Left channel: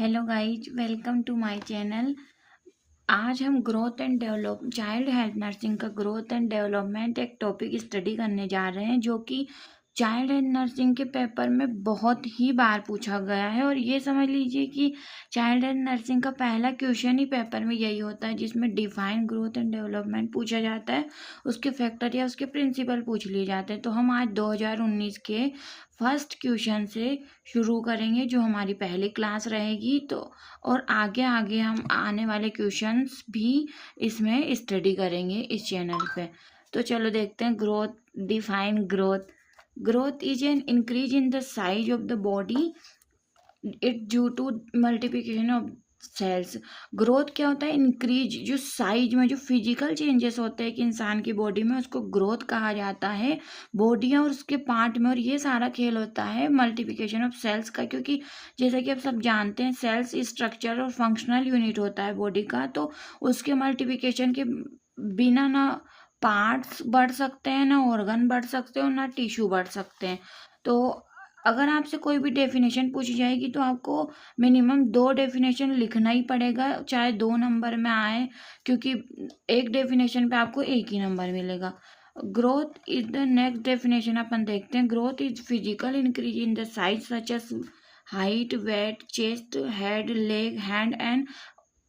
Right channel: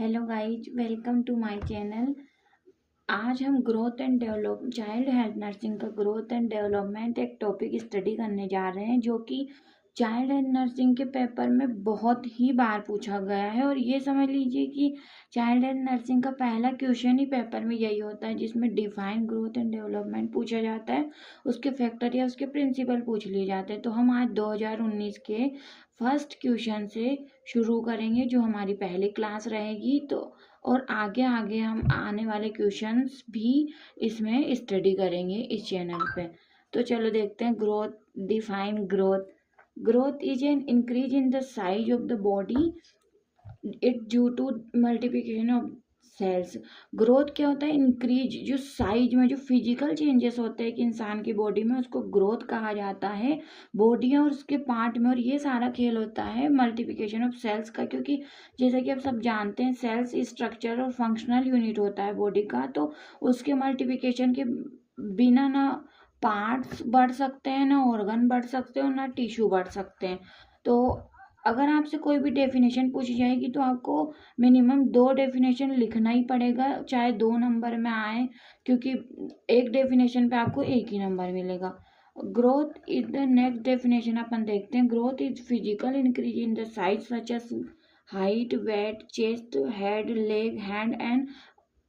Hello guys, welcome to my channel. आज हम growth and develop child health nursing का growth and development एक topic study करने जा रहे हैं, जो कि चाइल्ड हेल्थ नर्सिंग के पेपर में बहुत ही बार पूछा गया है। और ये समझ लीजिए कि चाइल्ड हेल्थ नर्सिंग का पहला क्वेश्चन ही पेपर में यही होता है, जिसमें डिफाइन ग्रोथ एंड डेवलपमेंट पूछा जाता है, उसके फैक्टर या उसके प्रिंसिपल पूछ लिए जाते हैं। तो हम आज 2019 के फर्स्ट क्वेश्चन से शुरू करेंगे, जो हमारी पहली क्लास रहेगी। तो और आगे आगे हम आने वाले क्वेश्चंस भी इसमें स्टडी करेंगे इस चैनल पे। तो चलो देखते हैं। Define growth is an increase in the size of the body it due to multiplication of cells. Growth क्या होता है? इंक्रीज, जो साइज में जो फिजिकल चेंजेस होते हैं कि इंसान की बॉडी में, उसको ग्रोथ कहा जाता है। बॉडी और उसके पार्ट में, और ये सारा खेल होता है मल्टीप्लिकेशन ऑफ सेल्स का, क्योंकि जैसा कि आप सब जानते हैं, सेल्स स्ट्रक्चर और फंक्शनल यूनिट होता है बॉडी का। तो उसके मल्टीप्लिकेशन के बिना ना पार्ट्स बढ़ सकते हैं, ना ऑर्गन बढ़ सकते हैं, और ना टिश्यू बढ़ सकते हैं। तो अगर आपसे कोई भी डेफिनेशन पूछी जाएगी तो आपको मिनिमम 2 डेफिनेशन लिखना ही पड़ेगा, चाहे 2 नंबर में आए, क्योंकि एक डेफिनेशन पे आपको एक ही नंबर मिलेगा। Growth is the next definition अपन देखते हैं। Growth is physical increase in the size such as height, weight, chest, head, leg, hand and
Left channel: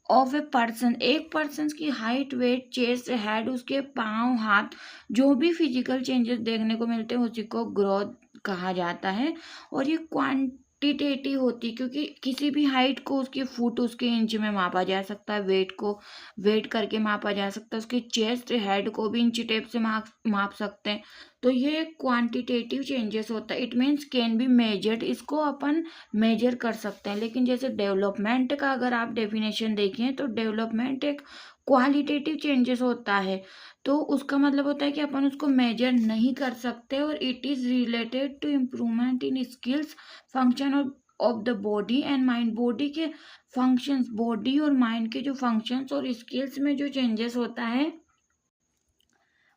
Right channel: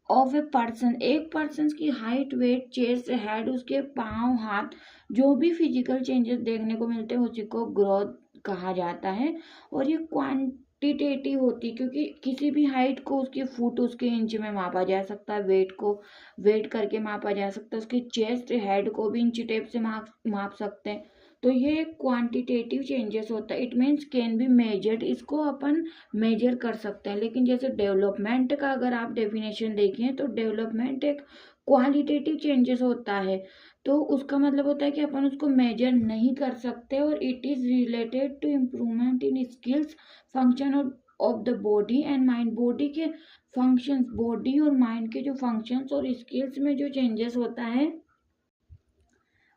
of a person. एक पर्सन की हाइट, वेट, चेस्ट, हेड, उसके पाँव, हाथ, जो भी फिजिकल चेंजेस देखने को मिलते हैं उसी को ग्रोथ कहा जाता है। और ये क्वांटिटेटिव होती है, क्योंकि किसी भी हाइट को उसकी फुट, उसके इंच में मापा जा सकता है, वेट को वेट करके मापा जा सकता है, उसके चेस्ट, हेड को भी इंच टेप से माप सकते हैं। तो ये क्वांटिटेटिव चेंजेस होता है। It means can be measured, इसको अपन मेजर कर सकते हैं। लेकिन जैसे डेवलपमेंट का अगर आप डेफिनेशन देखें तो डेवलपमेंट एक क्वालिटेटिव चेंजेस होता है। तो उसका मतलब होता है कि अपन उसको मेजर नहीं कर सकते, और it is related to improvement in skills, function of the body and mind. Body के फंक्शंस, बॉडी और माइंड के जो फंक्शंस और स्किल्स में जो चेंजेस होता है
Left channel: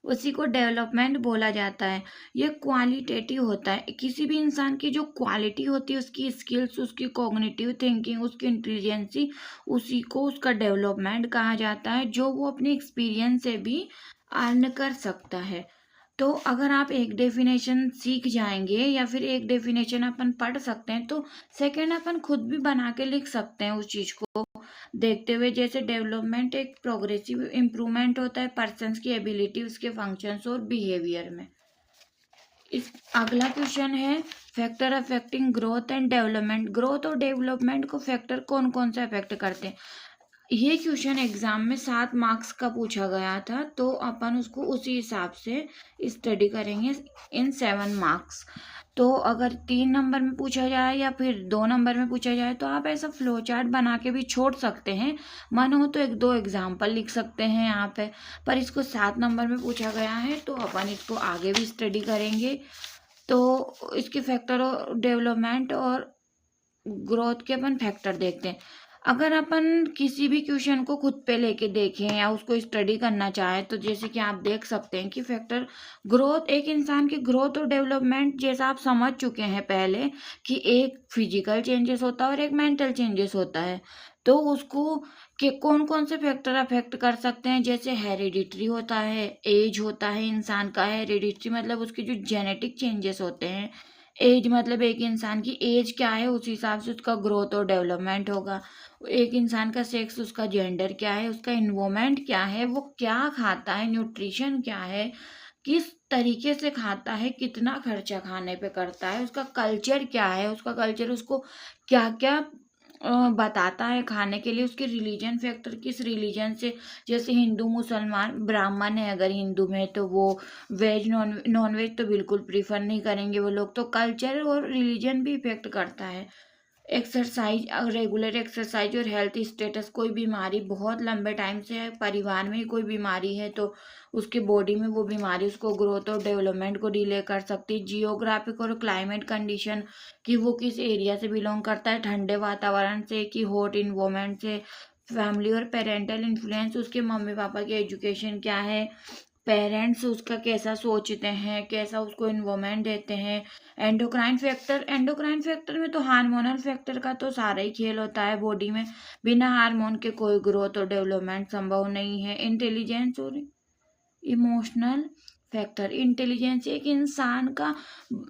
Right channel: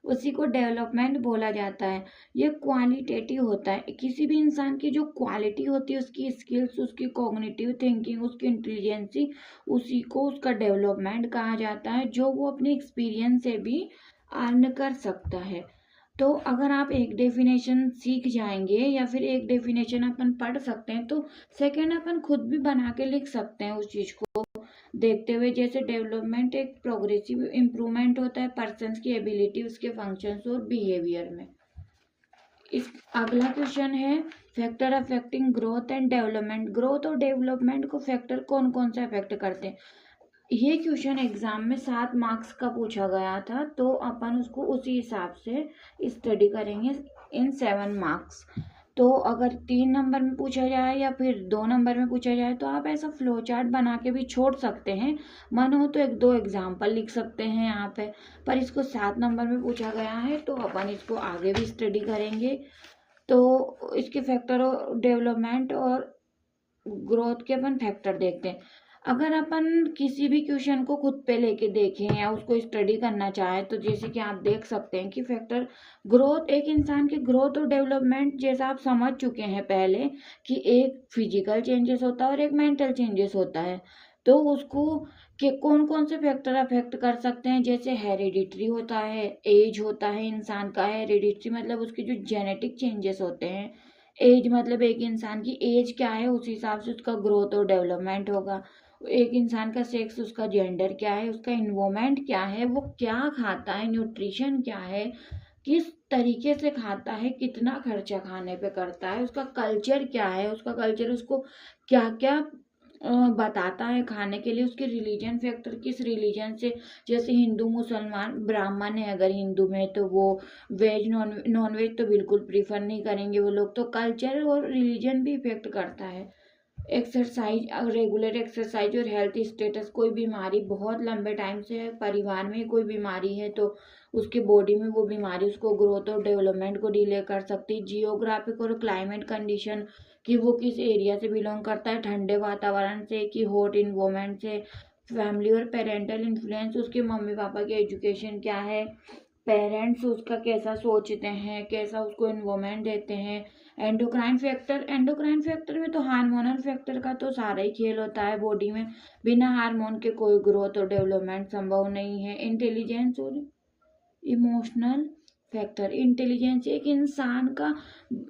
उसी को डेवलपमेंट बोला जाता है। ये क्वालिटेटिव होता है। किसी भी इंसान की जो क्वालिटी होती है, उसकी स्किल्स, उसकी कॉग्निटिव थिंकिंग, उसकी इंटेलिजेंसी, उसी को उसका डेवलपमेंट कहा जाता है, जो वो अपने एक्सपीरियंस से भी अर्न कर सकता है। तो अगर आप एक डेफिनेशन सीख जाएंगे या फिर एक डेफिनेशन अपन पढ़ सकते हैं, तो सेकेंड अपन खुद भी बना के लिख सकते हैं उस चीज़ को देखते हुए। जैसे डेवलपमेंट एक प्रोग्रेसिव इम्प्रूवमेंट होता है पर्सन की एबिलिटी, उसके फंक्शंस और बिहेवियर में। इस अगला क्वेश्चन है factor affecting growth and development. Growth और डेवलपमेंट को फैक्टर कौन कौन से अफेक्ट करते हैं? ये क्वेश्चन एग्जाम में 7 मार्क्स का पूछा गया था, तो अपन उसको उसी हिसाब से स्टडी करेंगे इन 7 मार्क्स। तो अगर 3 नंबर में पूछा जाए या फिर 2 नंबर में पूछा जाए, तो आप ऐसा फ्लो चार्ट बना के भी छोड़ सकते हैं। मन हो तो 1-2 एग्जाम्पल लिख सकते हैं यहाँ पे। पर इसको 7 नंबर में पूछा गया है, तो अपन इसको आगे भी स्टडी करेंगे। तो इसके फैक्टर और डेवलपमेंट और ग्रोथ के अपन फैक्टर देखते हैं। अगर अपन किसी भी क्वेश्चन को खुद पे लेके देखें या उसको स्टडी करना चाहें, तो जैसे कि आप देख सकते हैं कि फैक्टर ग्रोथ, एक इंसान की ग्रोथ और डेवलपमेंट जैसा आप समझ चुके हैं पहले कि एक फिजिकल चेंजेस होता है और एक मेंटल चेंजेस होता है। तो उसको कि कौन कौन से फैक्टर अफेक्ट कर सकते हैं, जैसे हेरिडिटरी होता है, एज होता है इंसान का। हेरिडिटरी मतलब उसके जो जेनेटिक चेंजेस होते हैं। एज मतलब एक इंसान की एज क्या है, उस हिसाब से उसका ग्रोथ और डेवलपमेंट होगा। एक इंसान का सेक्स, उसका जेंडर क्या है, उसका इन्वायरमेंट क्या है, वो क्या खाता है, न्यूट्रिशन क्या है, किस तरीके से खाता है, कितना खर्चा खाने पे करता है, उसका कल्चर क्या है, उसका कल्चर उसको क्या क्या बताता है खाने के लिए, उसके रिलीजन फैक्टर, किस रिलीजन से, जैसे हिंदू, मुसलमान, ब्राह्मण है अगर हिंदू में, तो वो वेज नॉन वेज तो बिल्कुल प्रीफर नहीं करेंगे वो लोग। तो कल्चर और रिलीजन भी इफेक्ट करता है। एक्सरसाइज, रेगुलर एक्सरसाइज और हेल्थ स्टेटस, कोई बीमारी बहुत लंबे टाइम से है, परिवार में ही कोई बीमारी है, तो उसके बॉडी में वो बीमारी उसको ग्रोथ और डेवलपमेंट को डिले कर सकती है। जियोग्राफिक और क्लाइमेट कंडीशन, कि वो किस एरिया से बिलोंग करता है, ठंडे वातावरण से कि हॉट इन्वायरमेंट से। फैमिली और पेरेंटल इन्फ्लुएंस, उसके मम्मी पापा की एजुकेशन क्या है, पेरेंट्स उसका कैसा सोचते हैं, कैसा उसको इन्वॉल्वमेंट देते हैं। एंडोक्राइन फैक्टर में तो हार्मोनल फैक्टर का तो सारा ही खेल होता है बॉडी में। बिना हार्मोन के कोई ग्रोथ और डेवलपमेंट संभव नहीं है। इंटेलिजेंस और इमोशनल फैक्टर, इंटेलिजेंस एक इंसान का,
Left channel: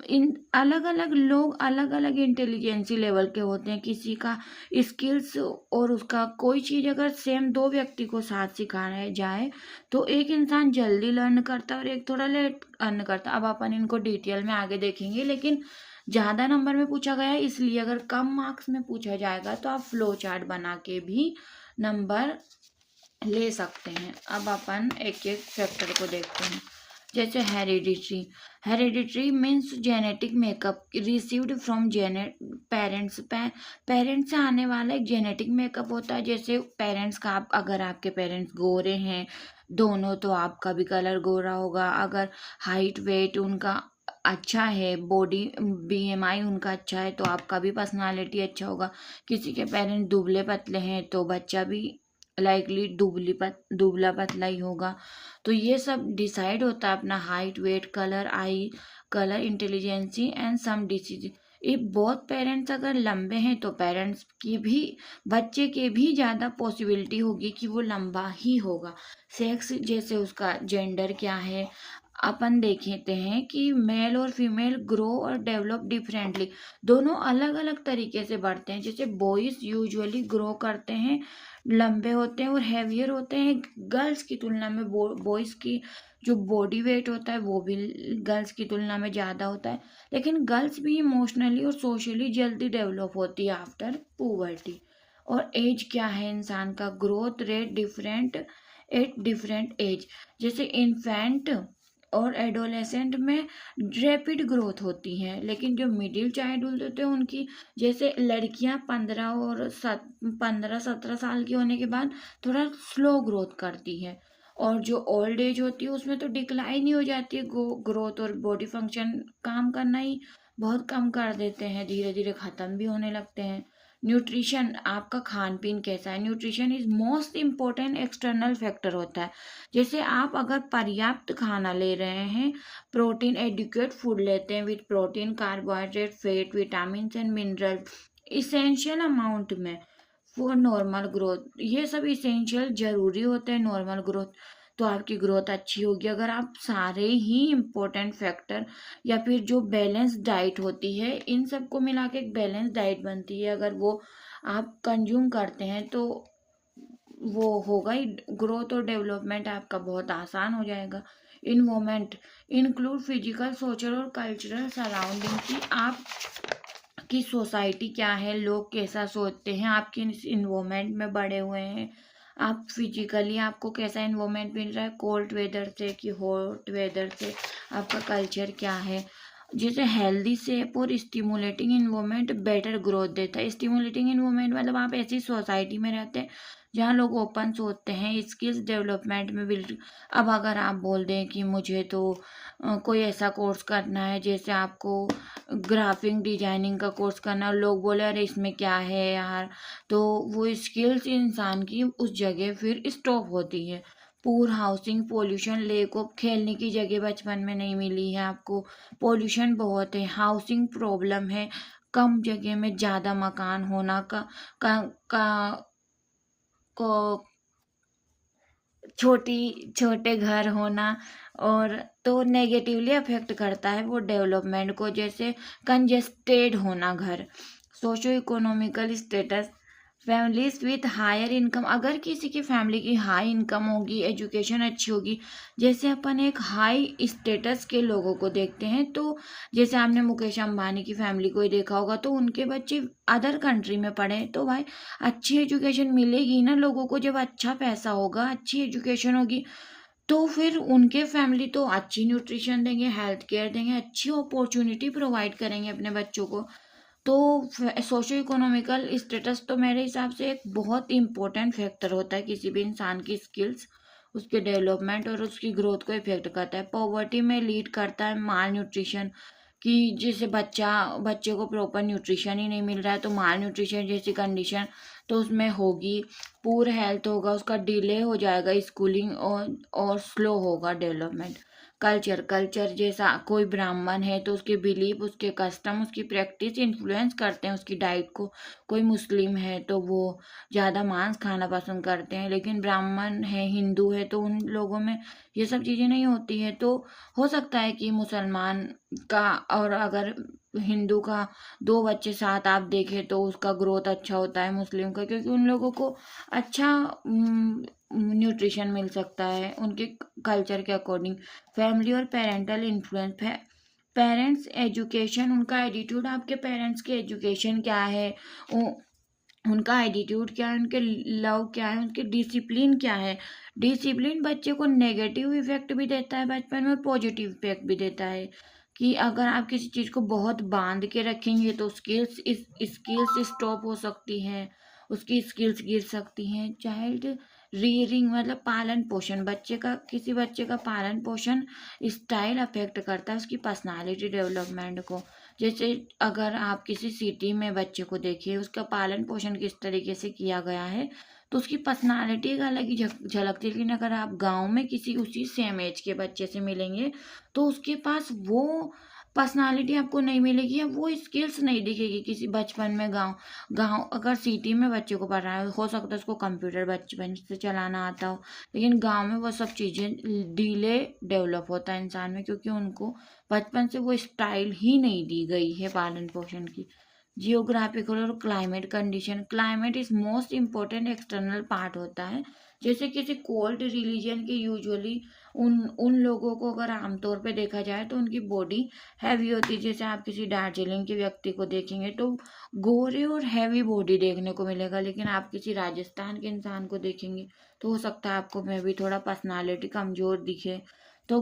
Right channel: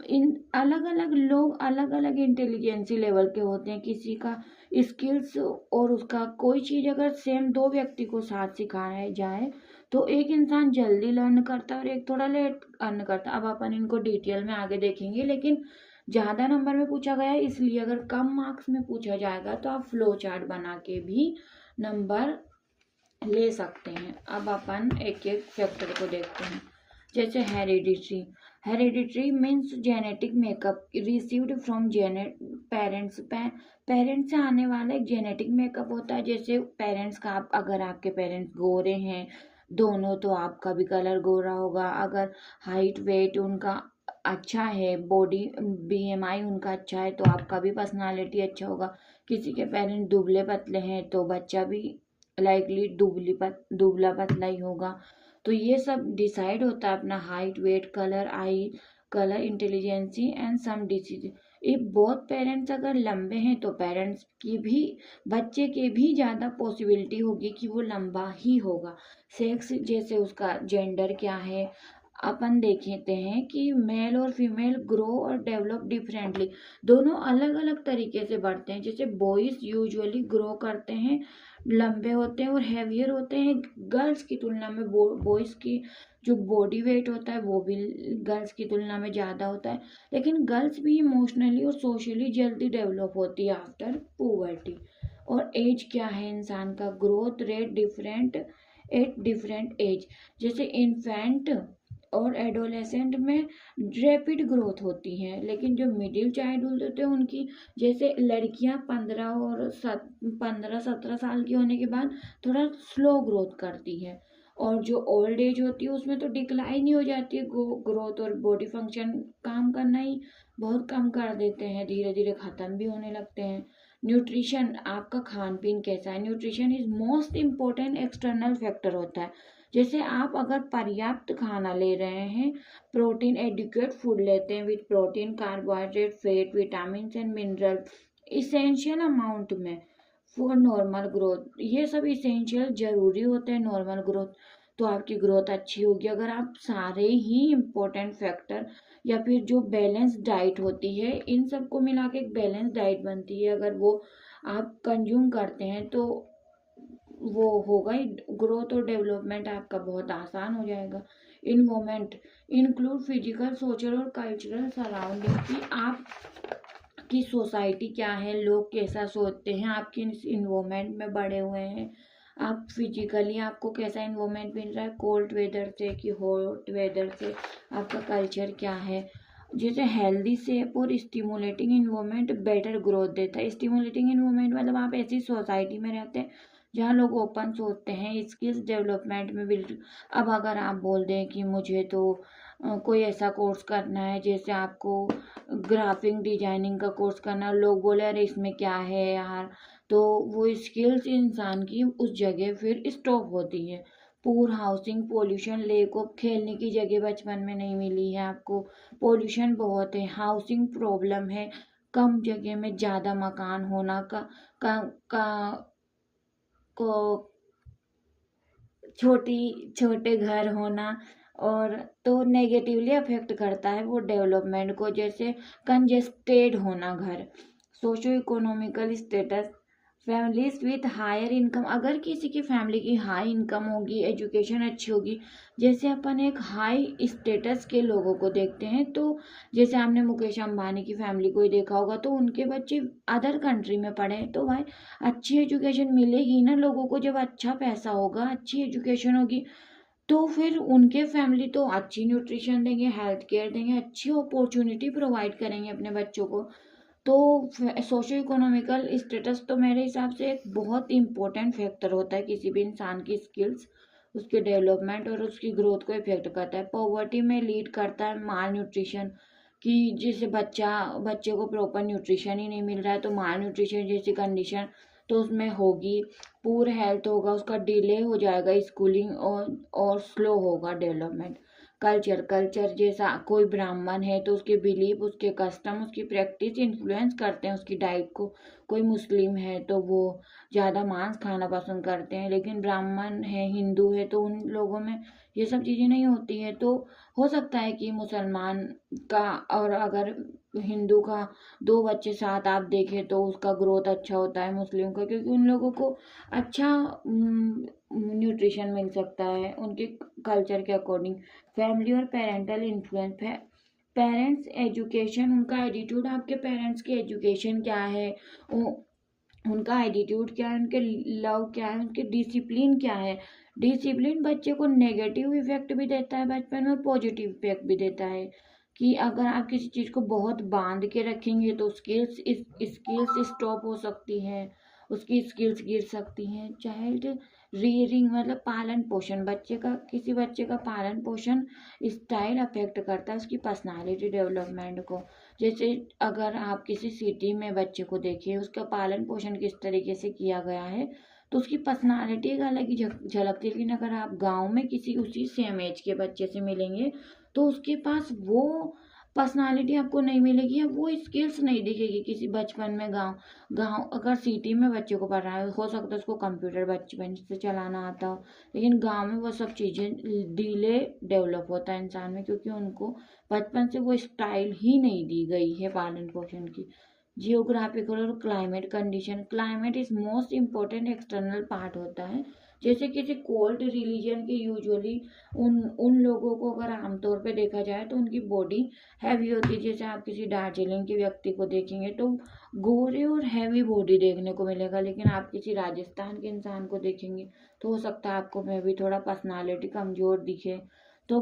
इन अलग अलग लोग अलग अलग इंटेलिजेंसी लेवल के होते हैं। किसी का स्किल्स और उसका कोई चीज़ अगर सेम दो व्यक्ति को साथ सिखाया जाए तो एक इंसान जल्दी लर्न करता है और एक थोड़ा लेट लर्न करता है। अब अपन इनको डिटेल में आगे देखेंगे, लेकिन ज़्यादा नंबर में पूछा गया है इसलिए अगर कम मार्क्स में पूछा जाएगा तो आप फ्लो चार्ट बना के भी नंबर ले सकते हैं। अब अपन एक एक फैक्टर को देखते हैं। जैसे hereditary means genetic makeup received from parents. Parents से आने वाला एक जेनेटिक मेकअप होता है। जैसे पेरेंट्स का, आप अगर आपके पेरेंट्स गोरे हैं दोनों तो आपका भी कलर गोरा होगा। अगर हाइट वेट उनका अच्छा है, बॉडी BMI उनका अच्छा है तो आपका भी पर्सनालिटी अच्छा होगा। किसी के पेरेंट्स दुबले पतले हैं तो बच्चा भी लाइकली दुबला पतला ही होगा। तो ये सब डिसाइड होता है अपना height weight colour eye colour intelligency and some disease. ये बहुत पेरेंट्स अगर लंबे हैं तो पेरेंट्स की भी बच्चे के भी ज़्यादा पॉसिबिलिटी होगी कि वो लंबा ही होगा। सेक्स जैसे उसका जेंडर क्या है, अपन देखते हैं कि मेल और फीमेल ग्रो और डेवलप डिफरेंटली, दोनों अलग अलग तरीके से बढ़ते हैं। जैसे बॉयज यूजुअली ग्रो करते हैं, लंबे होते हैं और हैवियर होते हैं गर्ल्स की तुलना में। बॉयज़ की जो बॉडी वेट होता है वो भी गर्ल्स की तुलना में ज़्यादा होता है। लेकिन गर्ल्स भी इमोशनली और सोशली जल्दी डेवलप होती है आफ्टर पुबर्टी। और एज क्या है इंसान का, growth rate different at different age. जैसे इन्फेंट और एडोलेसेंट में रैपिड ग्रोथ होती है, लेकिन जो मिडिल चाइल्डहुड होते हैं उनकी, जैसे लड़कियां 15-17 साल की होने के बाद थोड़ा स्लो ग्रोथ करती है। और जो ओल्ड एज होती है उसमें तो डिक्लाइन ही हो जाती है ग्रोथ, और बॉडी फंक्शन काम करना ही बहुत कम कर देते हैं, धीरे धीरे ख़त्म भी होने लगते हैं। न्यूट्रिशन, आपका खान पीन कैसा है, nutrition is most important external factor होता है। जैसे आप अगर पर्याप्त खाना ले रहे हैं, प्रोटीन एडिक्वेट फूड लेते हैं with protein carbohydrate fat vitamin and mineral essential amount में फॉर नॉर्मल ग्रोथ, ये सब इसेंशियल जरूरी होते हैं नॉर्मल ग्रोथ, तो आपकी ग्रोथ अच्छी होगी। अगर आप सारे ही इम्पोर्टेंट फैक्टर या फिर जो बैलेंस डाइट होती है इन सबको मिला के एक बैलेंस डाइट बनती है, अगर वो आप कंज्यूम करते हैं तो वो होगा ही, ग्रोथ और डेवलपमेंट आपका बहुत आसान हो जाएगा। इन्वॉल्वमेंट इंक्लूड फिजिकल सोशल और कल्चरल सराउंडिंग की आप की सोसाइटी क्या है, लोग कैसा सोचते हैं, आप किस इन्वॉल्वमेंट में बड़े हुए हैं, आप फिजिकली आपको कैसा इन्वॉल्वमेंट मिल रहा है, कोल्ड वेदर से कि हॉट वेदर से, आपका कल्चर क्या है। जैसे हेल्दी सेफ और स्टिमुलेटिंग इन्वॉल्वमेंट बेटर ग्रोथ देता है। स्टिमुलेटिंग इन्वॉल्वमेंट मतलब आप ऐसी सोसाइटी में रहते हैं जहाँ लोग ओपन सोचते हैं, स्किल्स डेवलपमेंट में बिल्ड। अब अगर आप बोल दें कि मुझे तो कोई ऐसा कोर्स करना है, जैसे आपको ग्राफिक डिजाइनिंग का कोर्स करना, लोग बोले अरे इसमें क्या है यार, तो वो स्किल्स इंसान की उस जगह फिर स्टॉप होती है। पूर हाउसिंग पोल्यूशन, लेक ऑफ खेलने की जगह बचपन में नहीं मिली है आपको, पोल्यूशन बहुत है, हाउसिंग प्रॉब्लम है, कम जगह में ज़्यादा मकान होना का को छोटे घर होना, और तो नेगेटिवली अफेक्ट करता है वो डेवलपमेंट को। जैसे कंजेस्टेड होना घर, socio economical status, families with higher income, अगर किसी की फैमिली की हाई इनकम होगी, एजुकेशन अच्छी होगी, जैसे अपन एक हाई स्टेटस के लोगों को देखते हैं, तो जैसे आपने मुकेश अंबानी की फैमिली को ही देखा होगा, तो उनके बच्चे अदर कंट्री में पढ़े तो भाई अच्छी एजुकेशन मिलेगी ना लोगों को। जब अच्छा पैसा होगा, अच्छी एजुकेशन होगी, तो फिर उनके फैमिली तो अच्छी न्यूट्रिशन देंगे, हेल्थ केयर देंगे, अच्छी अपॉर्चुनिटी प्रोवाइड करेंगे अपने बच्चों को। तो सोशो इकोनॉमिकल स्टेटस तो मेरे हिसाब से एक बहुत इंपॉर्टेंट फैक्टर होता है किसी भी इंसान की स्किल्स, उसके डेवलपमेंट और उसकी ग्रोथ को इफेक्ट करता है। पॉवर्टी में लीड करता है माल न्यूट्रिशन, कि जैसे बच्चे को प्रॉपर न्यूट्रिशन ही नहीं मिल रहा है तो माल न्यूट्रिशन जैसी कंडीशन तो उसमें होगी, पूर हेल्थ होगा, उसका डिले हो जाएगा स्कूलिंग और स्लो होगा डेवलपमेंट। कल्चर जैसा कोई ब्राह्मण है तो उसके बिलीफ, उसके कस्टम, उसकी प्रैक्टिस इन्फ्लुएंस करते हैं उसकी डाइट को। कोई मुस्लिम है तो वो ज़्यादा मांस खाना पसंद करते हैं, लेकिन ब्राह्मण है, हिंदू है तो उन लोगों में ये सब चीज़ें नहीं होती है। तो हो सकता है कि मुसलमान का और अगर हिंदू का 2 बच्चे साथ आप देखें तो उसका ग्रोथ अच्छा होता है मुस्लिम का, क्योंकि उन लोगों को अच्छा न्यूट्रिशन मिल सकता है उनके कल्चर के अकॉर्डिंग। फैमिली और पेरेंटल इन्फ्लुएंस है, पेरेंट्स एजुकेशन, उनका एटीट्यूड, आपके पेरेंट्स की एजुकेशन क्या है, उनका एटीट्यूड क्या है, उनके लव क्या है, उनके डिसिप्लिन क्या है। डिसिप्लिन बच्चे को नेगेटिव इफेक्ट भी देता है बचपन में, पॉजिटिव इफेक्ट भी देता है। कि अगर आप किसी चीज़ को बहुत बांध के रखेंगे तो स्किल्स स्टॉप हो सकती है, उसकी स्किल्स गिर सकती हैं। चाइल्ड रीयरिंग मतलब पालन पोषण, किसी बच्चे का पालन पोषण स्टाइल अफेक्ट करता है उसकी पर्सनालिटी डेवलपमेंट को। जैसे अगर आप किसी सिटी में बच्चे को देखिए, उसका पालन पोषण किस तरीके से किया गया है तो उसकी पर्सनालिटी एक अलग ही झलकती है। लेकिन अगर आप गांव में किसी उसी सेम एज के बच्चे से मिलेंगे तो उसके पास वो पर्सनालिटी आपको नहीं मिलेगी या वो स्किल्स नहीं दिखेगी। किसी बचपन में गांव अगर सिटी में बच्चे को पढ़ रहा है, हो सकता है उसको कंप्यूटर बचपन से चलाना आता हो, लेकिन गांव में वो सब चीज़ें डिले डेवलप होता है इंसान में, क्योंकि उनको बचपन से वो स्टाइल ही नहीं दी गई है पालन पोषण की। जियोग्राफिकल और climate condition, climate is most important external part होता है। जैसे किसी कोल्ड रिलीजन के यूजुअली उन लोगों को अगर आमतौर पे देखा जाए तो उनकी बॉडी हैवी होती है। जैसे आप किसी दार्जिलिंग के व्यक्ति को देखेंगे तो गोरे और हैवी बॉडी देखने को मिलेगा, लेकिन आप किसी राजस्थान के इंसान को देखेंगे तो हो सकता है आपको में भी थोड़ा पर्सनालिटी कमज़ोर दिखे। तो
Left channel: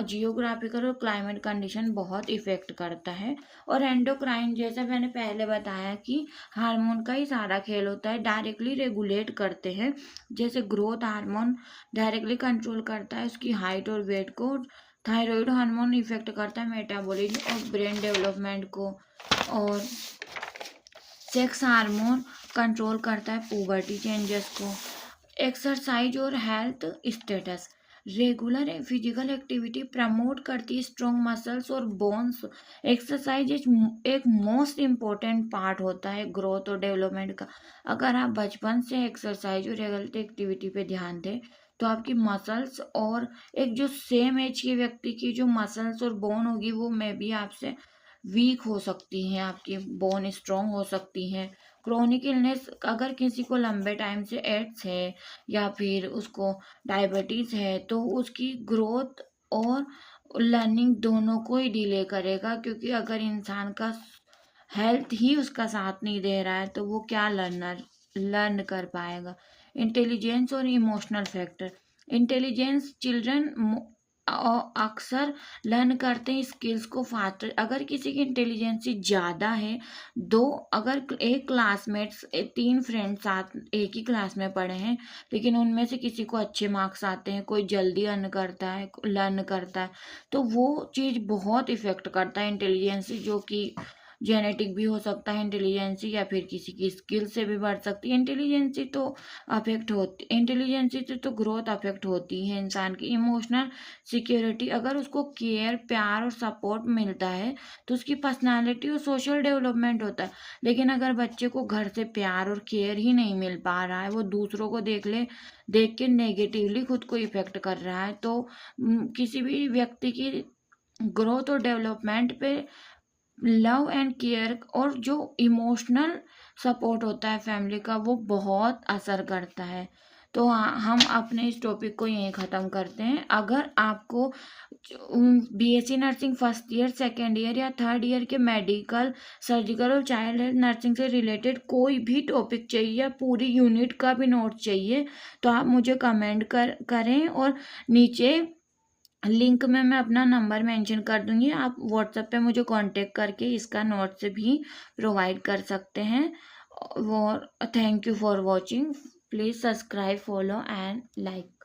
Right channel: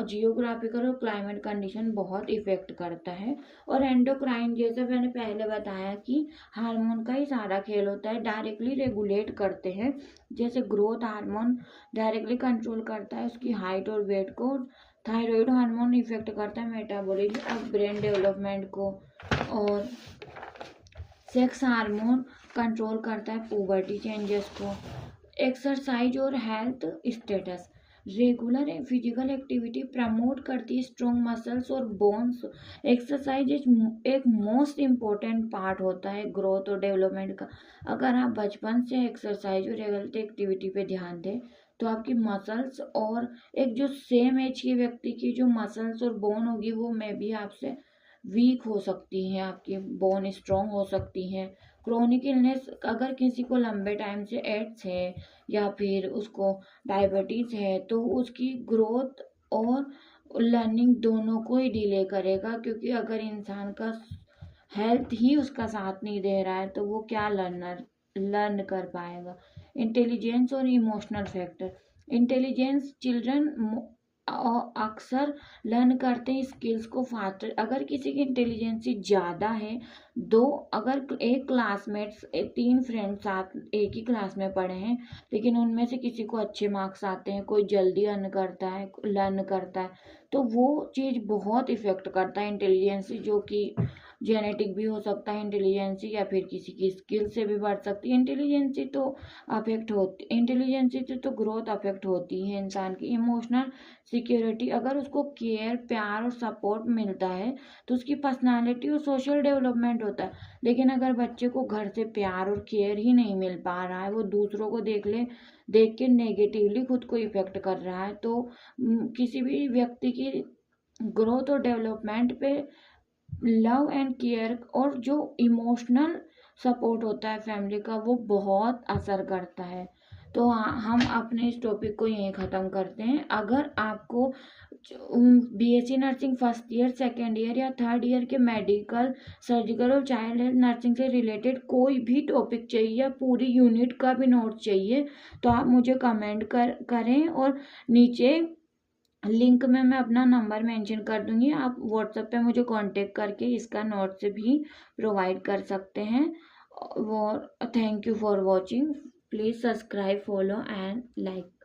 जियोग्राफिकल और क्लाइमेट कंडीशन बहुत इफ़ेक्ट करता है। और एंडोक्राइन, जैसे मैंने पहले बताया कि हार्मोन का ही सारा खेल होता है, डायरेक्टली रेगुलेट करते हैं। जैसे ग्रोथ हार्मोन डायरेक्टली कंट्रोल करता है उसकी हाइट और वेट को, थायराइड हार्मोन इफेक्ट करता है मेटाबॉलिज्म और ब्रेन डेवलपमेंट को, और सेक्स हार्मोन कंट्रोल करता है पुबर्टी चेंजेस को। एक्सरसाइज और health status, regular physical activity promote करती है स्ट्रॉन्ग मसल्स और बोन्स। एक्सरसाइज एक मोस्ट इम्पोर्टेंट पार्ट होता है ग्रोथ और डेवलपमेंट का। अगर आप बचपन से एक्सरसाइज और हेल्थ एक्टिविटी पे ध्यान दें तो आपकी मसल्स और एक जो सेम एज के व्यक्ति की जो मसल्स और बोन होगी वो में भी आपसे वीक हो सकती हैं, आपकी बोन स्ट्रॉन्ग हो सकती हैं। क्रोनिक इलनेस, अगर किसी को लंबे टाइम से एड्स है या फिर उसको डायबिटीज़ है तो उसकी ग्रोथ और लर्निंग दोनों को ही डिले करेगा, क्योंकि अगर इंसान का हेल्थ ही उसका साथ नहीं दे रहा है तो वो क्या लर्न कर पाएगा। इंटेलिजेंस और इमोशनल फैक्टर, इंटेलिजेंस चिल्ड्रन अक्सर लर्न करते हैं स्किल्स को फास्टर। अगर किसी की इंटेलिजेंसी ज़्यादा है, अगर एक क्लासमेट्स 3 फ्रेंड्स साथ एक ही क्लास में पढ़े हैं लेकिन उनमें से किसी को अच्छे मार्क्स आते हैं, कोई जल्दी लर्न करता है तो वो चीज़ बहुत इफ़ेक्ट करता है इंटेलिजेंसी, जो कि जेनेटिक भी हो सकता है इंटेलिजेंसी या फिर किसी की स्किल से भी बढ़ सकती है। इंटेलिजेंसी से तो ग्रोथ अफेक्ट होती है इंसान की। इमोशनल सिक्योरिटी, अगर उसको केयर, प्यार और सपोर्ट मिलता है तो उसकी पर्सनालिटी और सोशल डेवलपमेंट होता है। लेकिन अगर बच्चे को घर से प्यार और केयर ही नहीं मिल पा रहा है, वो दूसरों को देख के नेगेटिवली खुद को इफेक्ट कर रहा है, तो किसी भी व्यक्ति की ग्रोथ और डेवलपमेंट पे लव एंड केयर और जो इमोशनल सपोर्ट होता है फैमिली का वो बहुत असर करता है। तो हम अपने इस टॉपिक को यहीं ख़त्म करते हैं। अगर आपको BSc nursing first year, second year या थर्ड ईयर के मेडिकल, सर्जिकल और चाइल्ड हेल्थ नर्सिंग से रिलेटेड कोई भी टॉपिक चाहिए या पूरी यूनिट का भी नोट चाहिए तो आप मुझे कमेंट करें, और नीचे लिंक में मैं अपना नंबर मेंशन कर दूंगी, आप व्हाट्सएप पे मुझे कांटेक्ट करके इसका नोट्स भी प्रोवाइड कर सकते हैं। और thank you for watching, please subscribe, follow and like.